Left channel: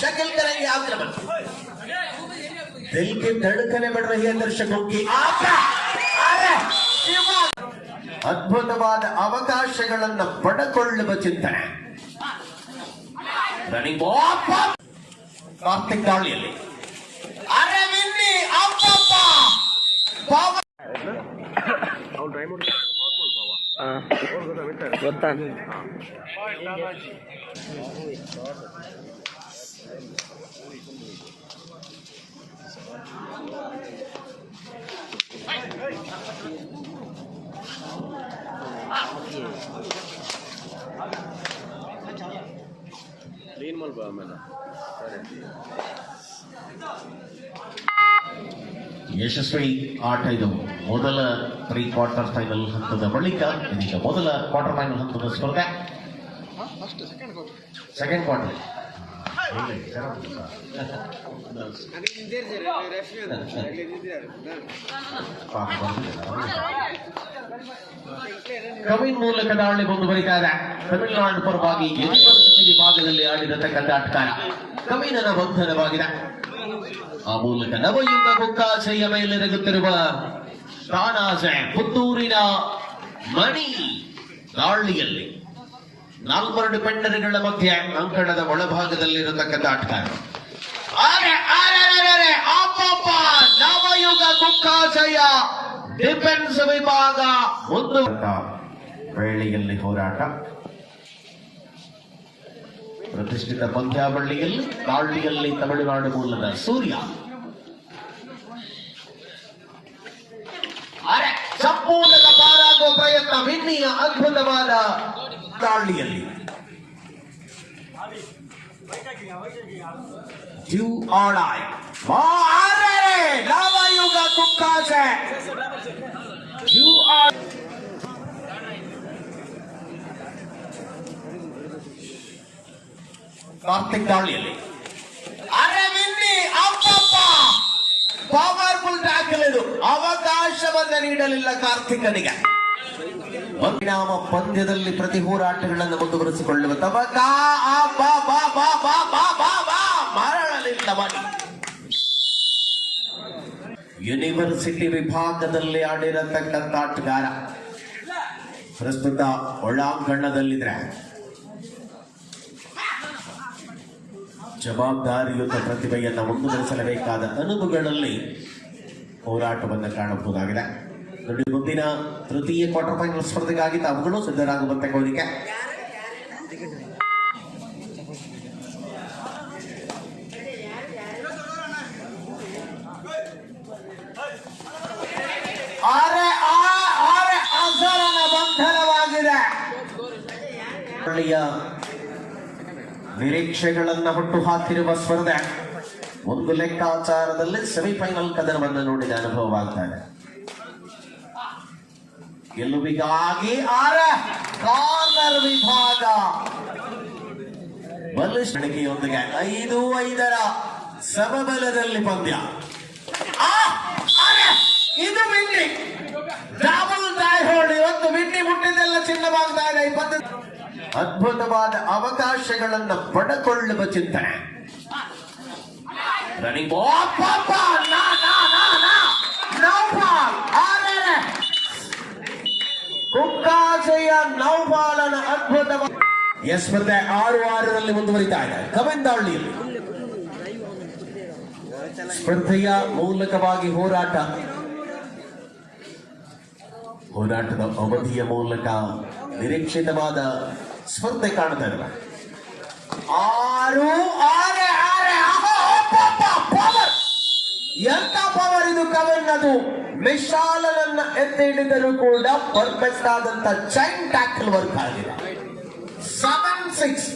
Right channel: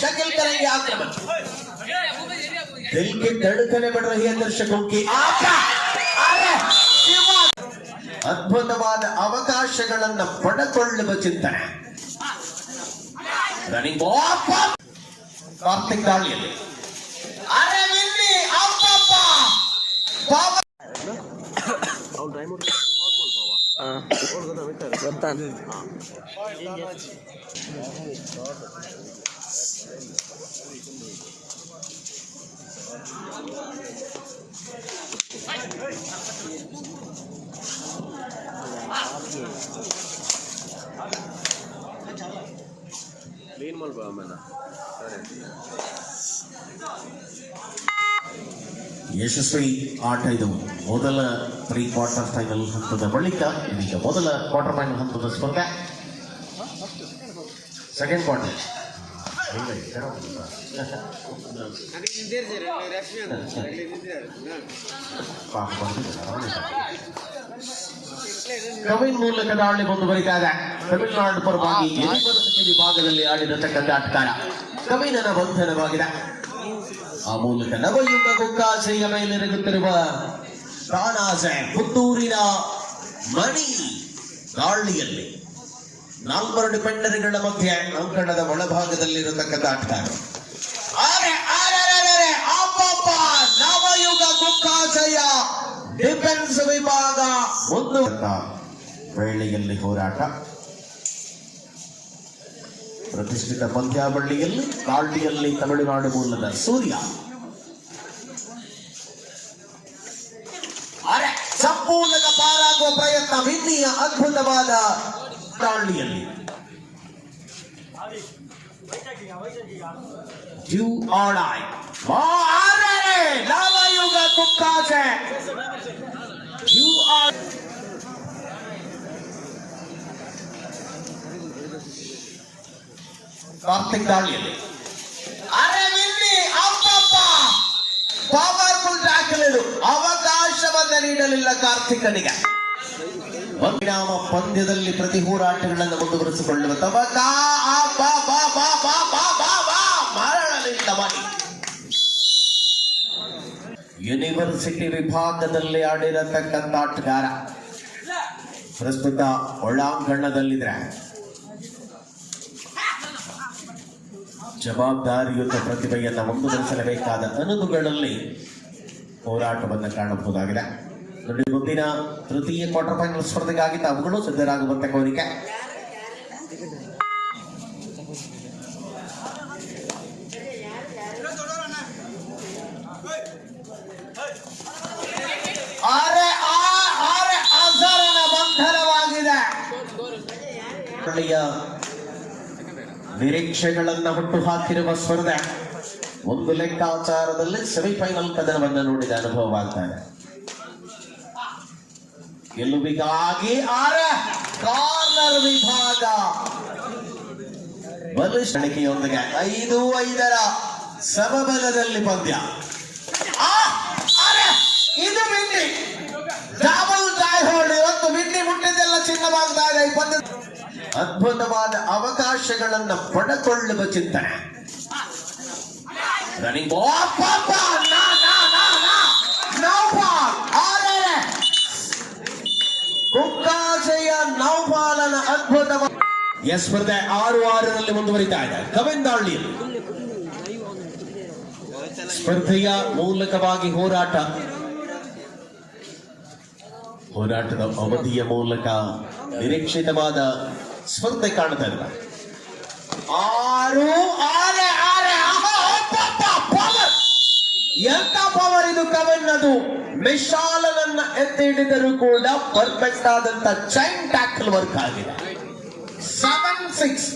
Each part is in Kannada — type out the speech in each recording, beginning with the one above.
शकील करेंगे आक्रमण दिल के धड़कने बढ़ रही है दर्शकों की आशा अरे, ಶಿವ! ಅದ್ಭುತವಾದ ಅವಕಾಶಗಳನ್ನು ಪಡೆದುಕೊಳ್ಳುವ ಚಿಂತನೆ ರನ್ನಿಂಗ್ ಕಾರ್ತಿಕ್ ದಾಳಿಯಲ್ಲಿ ಅರೆ ಇಲ್ಲಿ ಅಪ್ಪಪ್ಪ! ಪಾವ- ಗೊತ್ತಾನ ಯಶಸ್ವಿ ಆಟ ಇದು ಮೊದಲ ಪ್ರೀ ಕ್ವಾರ್ಟರ್ ಫೈನಲ್ ಹಂತದ ಬಳಿಕ ಇದೀಗ ಮೊದಲ ಕ್ವಾರ್ಟರ್ ಫೈನಲ್ ಹಂತದ ಸ್ಪರ್ಧೆ ಸೆಕೆಂಡ್ ಕ್ವಾರ್ಟರ್ ಕವಿನ್ ಮೂಲಕ ದಾಳಿ ಮುಂದುವರಿತಾ ಇದೆ ತಮಿಳುನಾಡು ಪರವಾಗಿ ಯೂನಿವರ್ಸಿಟಿ ವಿಭಾಗದಲ್ಲಿ ಆಡಿರತಕ್ಕಂಥ ಆಟಗಾರ ಕವಿನನ ಬಂಧನವಾಗಿದೆ ಆ ಮೂಲಕ ನವಯುಗ ಗುಕ್ಕಾಸೆಯ ಮೇಲೆರಗುತ್ತಿರುವ ತಾನಾಸೆ ಪುತ್ತೂರಿನ ಮಣಿ ದಾಳಿಯಲ್ಲಿ ನಾಲ್ವರೆಡು ಪೆಂಡರಿಗಳ ಮಧ್ಯೆ ಅಂಕಣದ ಒಳಭಾಗದಲ್ಲಿರತಕ್ಕಂಥ ಆಟಗಾರ. ಅರೆ, ಅರೆ, ಆ ಅರೆ, ಅಬ್ಬಬ್ಬ! ನವಯುಗ ಗುಕ್ಕಾಸೆಯ ಡಿಫೆನ್ಸ್ ವಿಭಾಗ ಒಂದು. ವೇಳೆಯಲ್ಲಿ ಹೋರಾಟ. ಪ್ರತಿಷ್ಠಿತ ಪಂದ್ಯಾವಳಿಯಲ್ಲಿ ದಾಳಿಯಲ್ಲಿ ತಮಿಳುನಾಡು ಮೂಲದ ಸೂರ್ಯ. ಅರೆ, ಸಂಪೂರ್ಣದ ಪಾರಾಗುವ ಪ್ರಯತ್ನ ವಿನ್ನಿಯ ಅದ್ಭುತವಾದ ದಾಳಿಯಲ್ಲಿ ಡ್ಯೂ ಆಡಾಯ್ ನವಯುಗ ಕುಕ್ಕಾಸೆ ಡ್ಯೂ ಆಡ್ ಕಾರ್ತಿಕ್ ದಾಳಿಯಲ್ಲಿ ಅರೆ ವಿನ್ನಿ ಅಪ್ಪಪ್ಪ ಪವರ್ಫುಲ್ ಟ್ಯಾಕಲ್ ಇದು ಅವಕಾಶವನ್ನ ನೀಡಲಿಲ್ಲ ಕಾರ್ತಿಕನಿಗೆ ಪರಿಣಾಮ ಪಂದ್ಯದಲ್ಲಿ ಪ್ರತಿ ಹೋರಾಟಗಳನ್ನು ಮುಂದುವರಿಸಿಕೊಳ್ಳುವ ಮಾಡಿ. ಯೂನಿವರ್ಸಿಟಿ ವಿಭಾಗದಲ್ಲಿ ಆಡಿರತಕ್ಕಂಥ ಆಟಗಾರ ಪ್ರಸ್ತುತ ಒಳಾಂಗಣದಲ್ಲಿದ್ರೆ. ಜವಾಬ್ದಾರಿಯುತ ಪ್ರತಿಭೆಯನ್ನು ಮುಂದುವರಿಸಲೇಬೇಕಾದ ಅನುಭವಗಳಲ್ಲಿ ಹೋರಾಟವನ್ನು ಕಾಣಬಹುದಾಗಿದೆ. ನೋಡಿ ಮುಂದಿನ ತೃತೀಯ ಕ್ವಾರ್ಟರ್ ಫೈನಲ್ ಸ್ಪರ್ಧೆಗಾಗಿ ತಾವುಗಳು ಸಿದ್ಧರಾಗುವಂತೆ ಕೋರಿಕೆ. ನಿರೀಕ್ಷೆಗಳನ್ನ ಹುಟ್ಟು ಹಾಕಿರುವ ಸ್ಪರ್ಧೆ. ಒಂದು ಲೆಕ್ಕಾಚಾರದಲ್ಲಿ ಸೆಮಿಫೈನಲ್ ಕದನವನ್ನು ನೋಡಿದ ಅನುಭವವಾಗ್ತಾ ಇದೆ ಗೆಲುವಿಗಾಗಿ ಆರ. ಕಾರ್ನರ್ ವಿಭಾಗ. ಬಲಿಷ್ಠಿಕೆಯೊಂದಿಗೆ ಐದು, ಐದರ ಸಮಬಲದಲ್ಲಿ ಪಂದ್ಯ. ಇದು ಬಿಂಡಿ ಡಬಲ್ ಟ್ರೈ ಹೋಲ್ಡ್ ಇವತ್ತು ಬಿಂಡಿ ಮುಟ್ಟಿದ್ದೆಲ್ಲ ಚಿನ್ನವಾಗ್ತಾ ಇದೆ ಈ ಪಂದ್ಯ ಅದ್ಭುತವಾದ ಅವಕಾಶಗಳನ್ನು ಪಡೆಕೊಳ್ಳುವ ಚಿಂತನೆ. ರನ್ನಿಂಗ್ ಎಸ್ ಸ್ಪರ್ಧೆ ಆರು ಆರರಲ್ಲಿ ಮುಂದುವರಿತಾ ಇದೆ. ಕವೆಂದಾಳ್ಳಿಯಲ್ಲಿ ಸ್ಪರ್ಧೆಯ ಮೂಲಕವಾಗಿ ಹೋರಾಟ. ಹೋರಾಟದ ಅವಧಿಯ ಮೂಲಕ ನಿರೀಕ್ಷಿತವಾದ ಸ್ಪರ್ಧೆ ಕಾಣ್ತಾ ಇಲ್ಲ ಆರು, ಆರೆ ಆರೆ ಪವರ್ ಎಂತ ಪವರ್ ಇದು ಕವನ್ ಅದು. ಮಿಶಾಲನನ್ನ ಎತ್ತಿ ಹಿಡಿದರೂ ಕೂಡ ಪರ್ಫೆಕ್ಟ್ ಆದಂತ ಚೈನ್ ಟ್ಯಾಕಲ್ ವರ್ಕ್ ಆಗಿದೆ. ಸಿಕ್ಸ್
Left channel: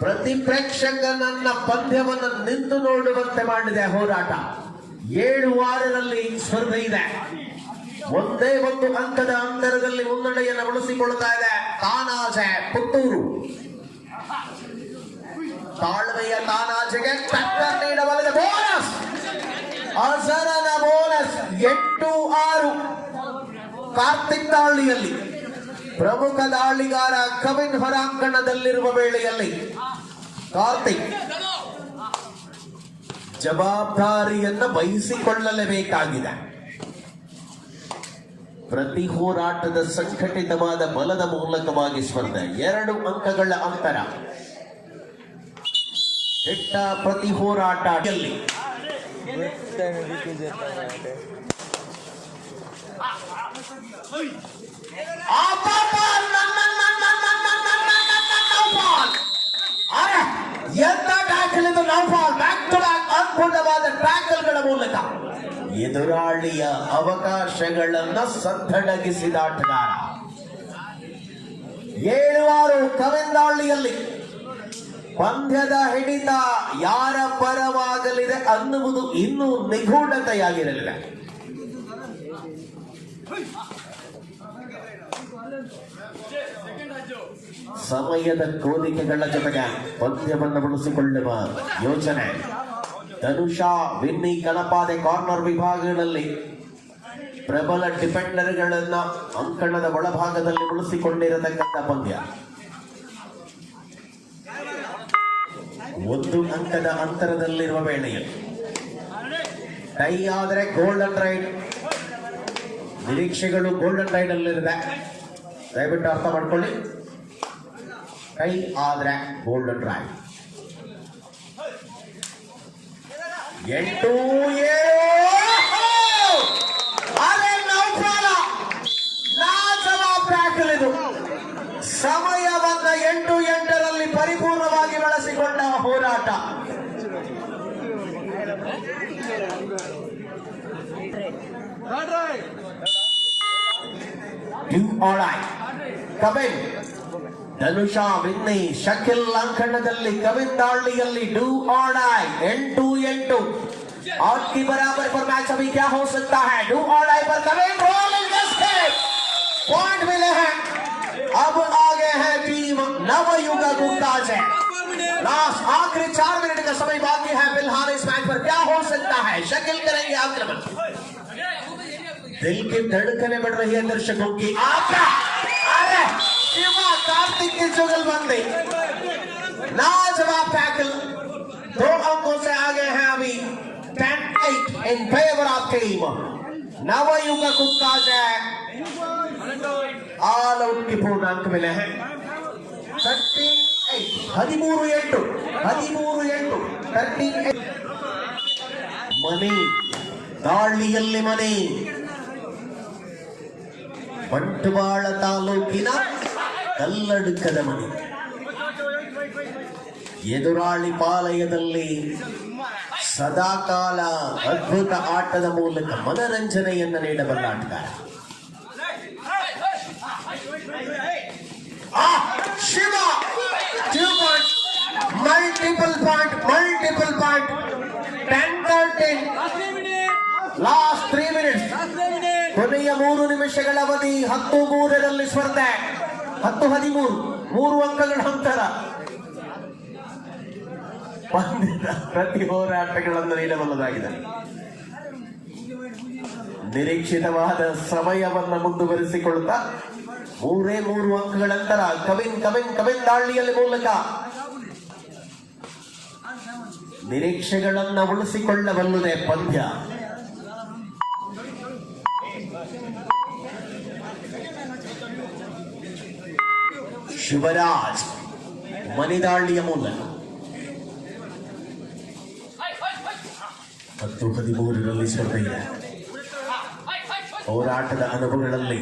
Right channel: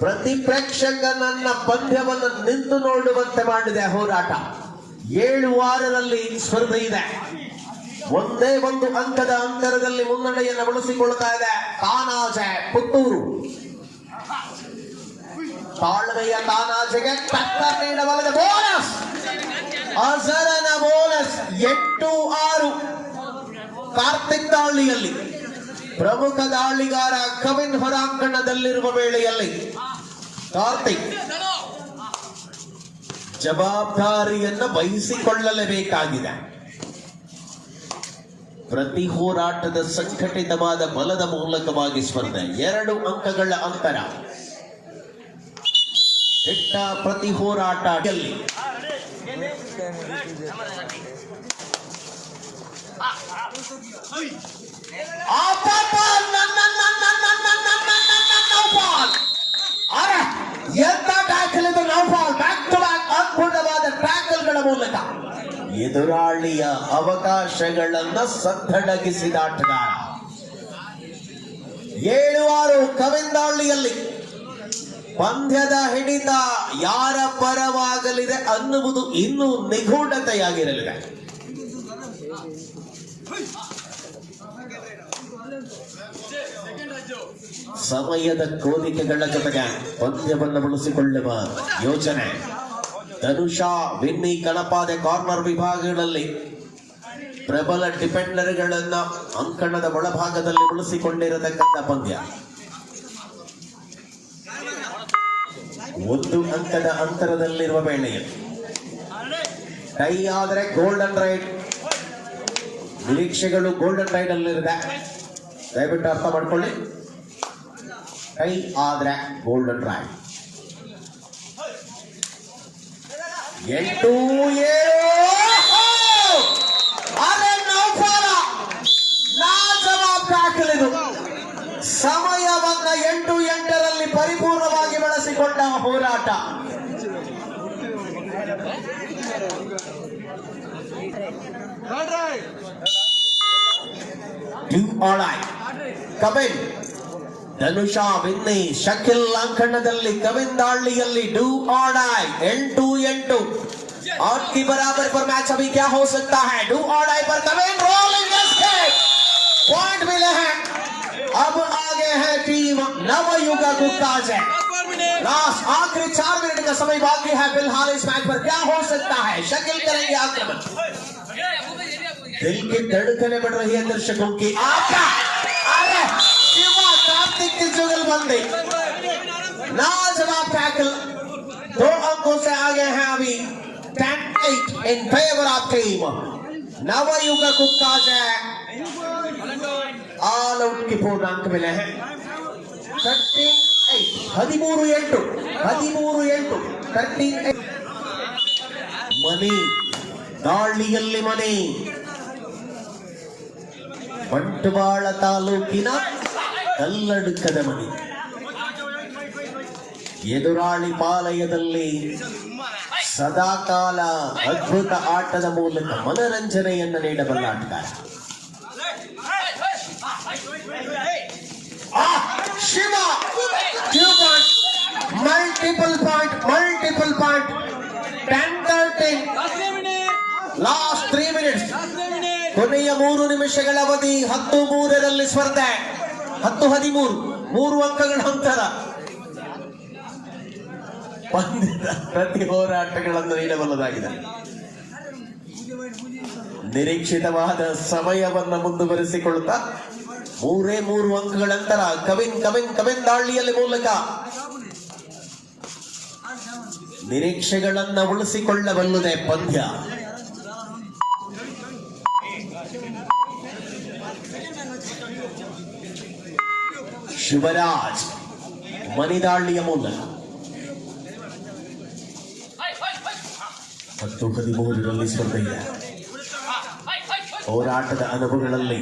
ಪ್ರತಿ ಪ್ರೇಕ್ಷಕನನ್ನ ಪಂದ್ಯವನ್ನು ನಿಂತು ನೋಡುವಂತೆ ಮಾಡಿದೆ ಹೋರಾಟ. ಏಳು ವಾರದಲ್ಲಿ ಸ್ಪರ್ಧೆ ಇದೆ. ಒಂದೇ ಒಂದು ಅಂಕದ ಅಂತರದಲ್ಲಿ ಮುನ್ನಡೆಯನ್ನು ಉಳಿಸಿಕೊಳ್ಳುತ್ತಾ ಇದೆ ತಾನಾಜೆ ಪುತ್ತೂರು. ತಾಳ್ಮೆಯ ತಾನಾಜೆಗೆ ಟಕ್ಕರ್ ನೀಡಬಲ್ಲದೆ ಬೋನಸ್ ಅಸರನ ಬೋನಸ್ ಎಂಟು ಆರು. ಕಾರ್ತಿಕ್ ದಾಳಿಯಲ್ಲಿ ಪ್ರಮುಖ ದಾಳಿಗಾರ ಕವಿನ್ ಹೊರಾಂಗಣದಲ್ಲಿರುವ ವೇಳೆಯಲ್ಲಿ ಕಾರ್ತಿಕ್ ಜವಾಬ್ದಾರಿಯನ್ನು ವಹಿಸಿಕೊಳ್ಳಲೇಬೇಕಾಗಿದೆ. ಪ್ರತಿ ಹೋರಾಟದ ಸಂಘಟಿತವಾದ ಬಲದ ಮೂಲಕವಾಗಿ ಸ್ಪರ್ಧೆ. ಎರಡು ಅಂಕಗಳ ಅಂತರ. ಕೆಟ್ಟ ಪ್ರತಿ ಹೋರಾಟ ಗೆಲ್ಲಿ. ಮೂಲಕ ಎದುರಾಳಿಯ ಅವಕಾಶಗಳನ್ನು ಸದ್ದಡಗಿಸಿದ ಆಟಗಾರ ಏಳುವಾರು ಆರು ಕವಿಂದಾಳ್ಳಿಯಲ್ಲಿ ಪಂದ್ಯದ ಹಿಡಿತ ಯಾರ ಪರವಾಗಲಿದೆ ಅನ್ನುವುದು ಇನ್ನೂ ನಿಗೂಢತೆಯಾಗಿರಲಿದೆ ಸಮಯದ ಕೋರಿಕೆಗಳ ಜೊತೆಗೆ ಪಂದ್ಯವನ್ನು ಉಳಿಸಿಕೊಳ್ಳುವ ಯೋಚನೆ. ಧನುಷಾ, ವಿನ್ನಿ, ಕಣಪಾದೆ ಕಾರ್ನರ್ ವಿಭಾಗಗಳಲ್ಲಿ ಪ್ರಬಲ ಡಿಫೆಂಡರ್ಗಳನ್ನ ಅಂಕಣದ ಒಳಭಾಗದಲ್ಲಿ ಉಳಿಸಿಕೊಂಡಿರತಕ್ಕಂಥ ಪಂದ್ಯ. ಒಂದು ಅಂಕದ ಅಂತರದಲ್ಲಿರುವ ವೇಳೆಯಲ್ಲಿ ಟೈ ಆದರೆ ಗೋಲ್ಡನ್ ರೈಡ್ ನಿರೀಕ್ಷೆಗಳು ಗೋಲ್ಡನ್ ರೈಡ್ ಅಲ್ಲಿರುತ್ತೆ ದಯವಿಟ್ಟು ಅರ್ಥ ಮಾಡ್ಕೊಳ್ಳಿ. ಟೈ ಆದ್ರೆ ಗೋಲ್ಡನ್ ರೈಡ್ ಎಂಟು ಏಳು ಅರೆ ನೌಫಾಲ ನಾಜವಾಬ್ ಟ್ಯಾಕಲ್ ಇದು ಸಮಯವನ್ನ ಎಂಟು ಎಂಟರಲ್ಲಿ ಪರಿಪೂರ್ಣವಾಗಿ ಬಳಸಿಕೊಂಡ ಹೋರಾಟ ಡ್ಯೂ ಆಳಾಯ್ ಕಮೆಂಟ್ ಧನುಷಾ ವಿನ್ನಿ ಶಕಿಲ್ ಅಂಕಣದಲ್ಲಿ ಕವಿಂದಾಳ್ಳಿಯಲ್ಲಿ ಡೂ ಆಡಾಯ್ ಎಂಟು ಎಂಟು और की बराबर पर मैच अभी क्या हो सकता है डू ऑडाई पर कमेंट रोलिंग पॉइंट मिले हैं अब आगे है टीम नवयुग गुप्ता से लास्ट आखिरी चार मिनट का समय बाकी है फिलहाल इस मैच पर क्या हो सकता है शकिल करेंगे आक्रमण दिल की धड़कने बढ़ रही है दर्शकों की आका! अरे शिवा कार्तिक की जुगलबंदी लाजवाब टैकल दो अंकों से आगे हैं अभी ten eight in favour of team Navyug कुत्ता से ಆಲ್ ಔಟ್ಗೆ ಪೂರ್ಣಾಂಕ ಬೆಲೆ ತರ್ಟೀನ್ ಏಟ್ ಹದಿಮೂರು ಎಂಟು ಹದಿಮೂರು ಎಂಟು ತರ್ಟೀನ್ ಏಟ್ ಮನೆ ದಾಳಿಯಲ್ಲಿ ಮನೆ ಬಂಟ್ವಾಳ ತಾಲೂಕಿನ ಕಲ್ಲಡುಕದ ಮನೆ. ಎದುರಾಳಿ ಪಾಲಯದಲ್ಲಿ ಸದಾಕಾಲ ಅದ್ಭುತ ಆಟದ ಮೂಲಕ ಮನರಂಜನೆಯನ್ನು ನೀಡಬಲ್ಲ ಆಟಗಾರ. Shiva! Point multiple point point, multiple point, three minutes. ಕೊನೆಯ ಮೂರು ನಿಮಿಷಗಳ ಅವಧಿ ಹತ್ತು ಮೂರರಲ್ಲಿ ಸ್ಪರ್ಧೆ. ಹತ್ತು ಹದಿಮೂರು, ಮೂರು ಅಂಕಗಳ ಅಂತರ ಪ್ರತಿ ಹೋರಾಟಗಳನ್ನು ನೀಡಬಲ್ಲದಾಗಿದೆ. ನಿರೀಕ್ಷಿತವಾದ ಸಮಯವನ್ನು ಮುಂದುವರಿಸಿಕೊಳ್ಳುತ್ತಾ ಮೂರೇ ಮೂರು ಅಂಕಗಳ ಅಂತರ ಕವಿನ್ ಕವಿನ್ ಕವಿನ್ ದಾಳಿಯಲ್ಲಿ ಮೂಲಕ ನಿರೀಕ್ಷೆಗಳನ್ನ ಉಳಿಸಿಕೊಳ್ಳಬಲ್ಲದೆ ಪಂದ್ಯ. ಶಿವರಾಜ್ ಮನಿದಾಳಿಯ ಮೂಲಕ ಹತ್ತು ಹದಿಮೂರರಲ್ಲಿ ಸ್ಪರ್ಧೆ ಇದೆ ಹೋರಾಟದ ಅನುಭವಗಳಲ್ಲಿ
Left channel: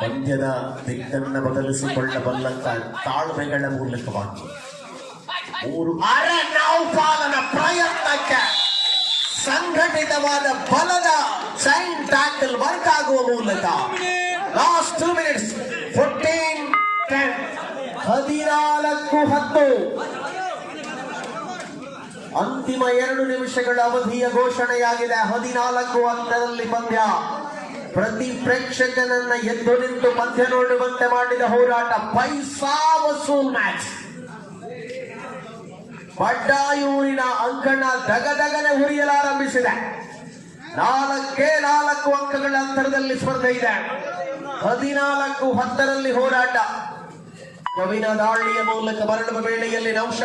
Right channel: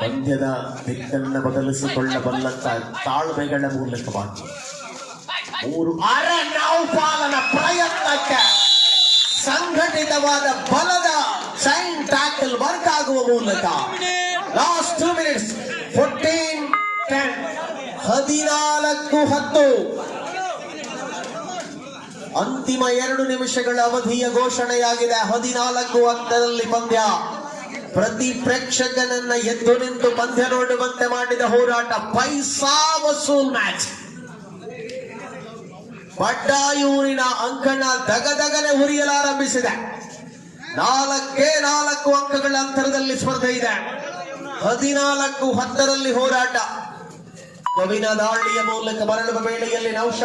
ಪಂದ್ಯದ ದಿಕ್ಕನ್ನು ಬದಲಿಸಿಕೊಳ್ಳಬಲ್ಲಂತ ತಾಳ್ಮೆಗಳ ಮೂಲಕವಾಗಿ ಮೂರು ಅರೆ ನೌಪಾಲನ ಪ್ರಯತ್ನಕ್ಕೆ ಸಂಘಟಿತವಾದ ಬಲದ ಸೈನ್ ಟ್ಯಾಕಲ್ ವರ್ಕ್ ಆಗುವ ಮೂಲಕ ಲಾಸ್ಟ್ ಹದಿನಾಲ್ಕು ಹತ್ತು. ಅಂತಿಮ ಎರಡು ನಿಮಿಷಗಳ ಅವಧಿಯ ಘೋಷಣೆಯಾಗಿದೆ. ಹದಿನಾಲ್ಕು ಹತ್ತರಲ್ಲಿ ಪಂದ್ಯ. ಪ್ರತಿ ಪ್ರೇಕ್ಷಕನನ್ನ ಎದ್ದು ನಿಂತು ಪಂದ್ಯ ನೋಡುವಂತೆ ಮಾಡಿದ ಹೋರಾಟ. ಪೈಸಾ ವಸೂಲ್ ಮ್ಯಾಚ್. ಬಡ್ಡಾಯೂರಿನ ಅಂಕಣ ದಗದಗನೆ ಹುರಿಯಲಾರಂಭಿಸಿದೆ. ನಾಲ್ಕೇ ನಾಲ್ಕು ಅಂಕಗಳ ಅಂತರದಲ್ಲಿ ಸ್ಪರ್ಧೆ ಇದೆ. ಹದಿನಾಲ್ಕು ಹತ್ತರಲ್ಲಿ ಹೋರಾಟ. ಕವಿನ ದಾಳಿಯ ಮೂಲಕ ಮರಳುವ ವೇಳೆಯಲ್ಲಿ ನೌಶ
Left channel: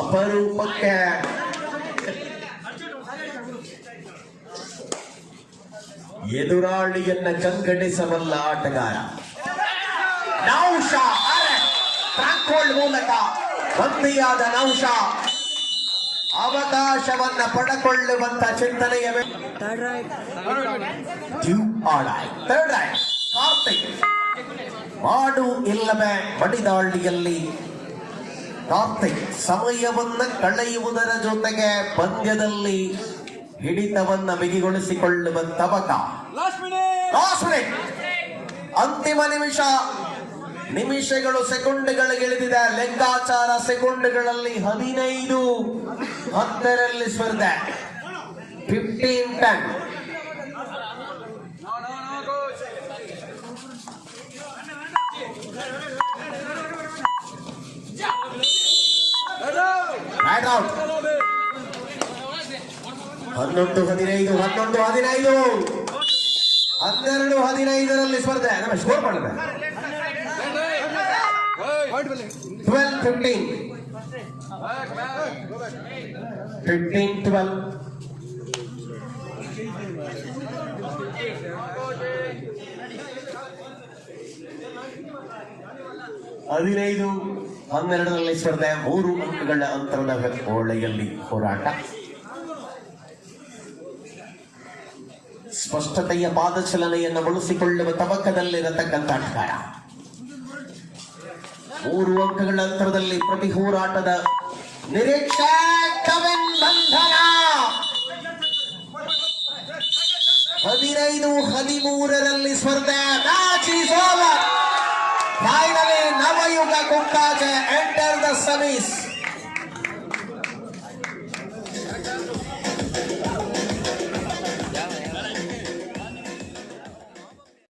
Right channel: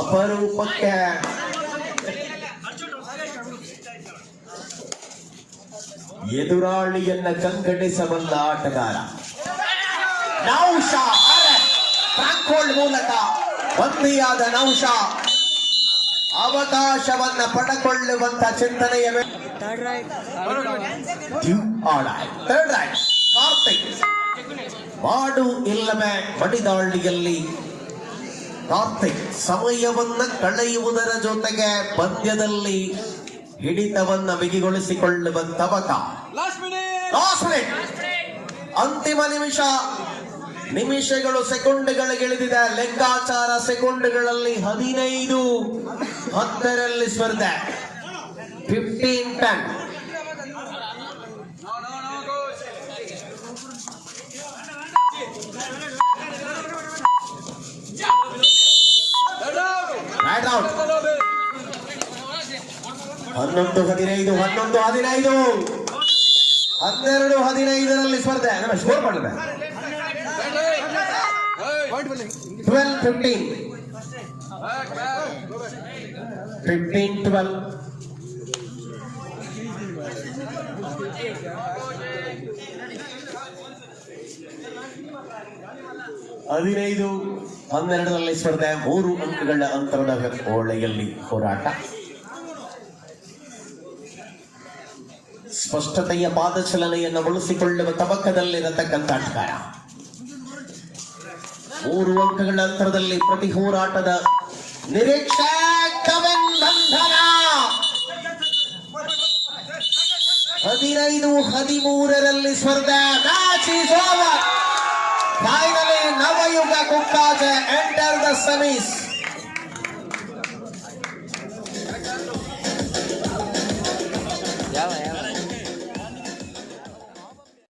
ಅಪರೂಪಕ್ಕೆ ಎದುರಾಳಿಯನ್ನ ಕಂಗಡಿಸಬಲ್ಲ ಆಟಗಾರ ನೌಶ ಟ್ರ್ಯಾಕ್ ಹೋಲ್ಡ್ ಮೂಲಕ ಬಂದಿಯಾದ ನೌಶ ಅವಕಾಶವನ್ನ ಪಡೆಕೊಳ್ಳುವಂತ ಚಿಂತನೆಯ ಥರ್ಡ್ ರೈಟ್ ಕಾರ್ತಿಕ್ ಮಾಡು ಇಲ್ಲವೆ ಬಡಿದಾಳಿಯಲ್ಲಿ ಕಾರ್ತಿಕ್ ಸಮಯವನ್ನ ಕಳೆಯುವುದರ ಜೊತೆಗೆ ಪಂದ್ಯದಲ್ಲಿ ಹಿಡಿತವನ್ನ ಬಿಗಿಗೊಳಿಸಿಕೊಳ್ಳುವ ತವಕ ಅಂತಿಮ ನಿಮಿಷ. ನಿಮಿಷಗಳು ಸೆಕೆಂಡ್ಗಳಿಗಿಳಿದಿದೆ ಲೆಕ್ಕಾಚಾರ ಸೆಕೆಂಡ್ಗಳಲ್ಲಿ ಹದಿನೈದು ಹತ್ತರಲ್ಲಿ ಸ್ಪರ್ಧೆ. ಫಿಫ್ಟೀನ್ ಟೆನ್ ಬ್ಯಾಟ್ ಔಟ್ ಹನ್ನೊಂದು ಹದಿನೈದು ಹನ್ನೊಂದು, ಹದಿನೈದು. ಹನ್ನೆರಡು, ಹದಿನೈದರಲ್ಲಿ ಸ್ಪರ್ಧೆ. ಸ್ಕೋರ್ ಮಾಡಿದೆ. ಟ್ವೆಲ್ ಫಿಫ್ಟೀನ್ ಫಿಫ್ಟೀನ್ ಟ್ವೆಲ್ ಹದಿನೈದು, ಹನ್ನೆರಡರಲ್ಲಿ ಸ್ಪರ್ಧೆ ಮೂರು ಅಂಕಗಳ ಅಂತರದ ಓಳೆಯಲ್ಲಿ ಹೋರಾಟ. ಸ್ಪಷ್ಟತೆಯ ಪಾದಚಲನೆಯನ್ನು ಬಳಸಿಕೊಳ್ಳುವ ತಬಕದಲ್ಲಿರತಕ್ಕಂಥ ಅಧಿಕಾರ ಮೂರು ಅಂಕಗಳ ಅಂತರದಲ್ಲಿ ಪ್ರತಿ ಹೋರಾಟದ ನಿರೀಕ್ಷೆ ಹದಿನೈದು, ಹದಿಮೂರರಲ್ಲಿ ಸ್ಪರ್ಧೆ ಮ್ಯಾಚ್ Samis.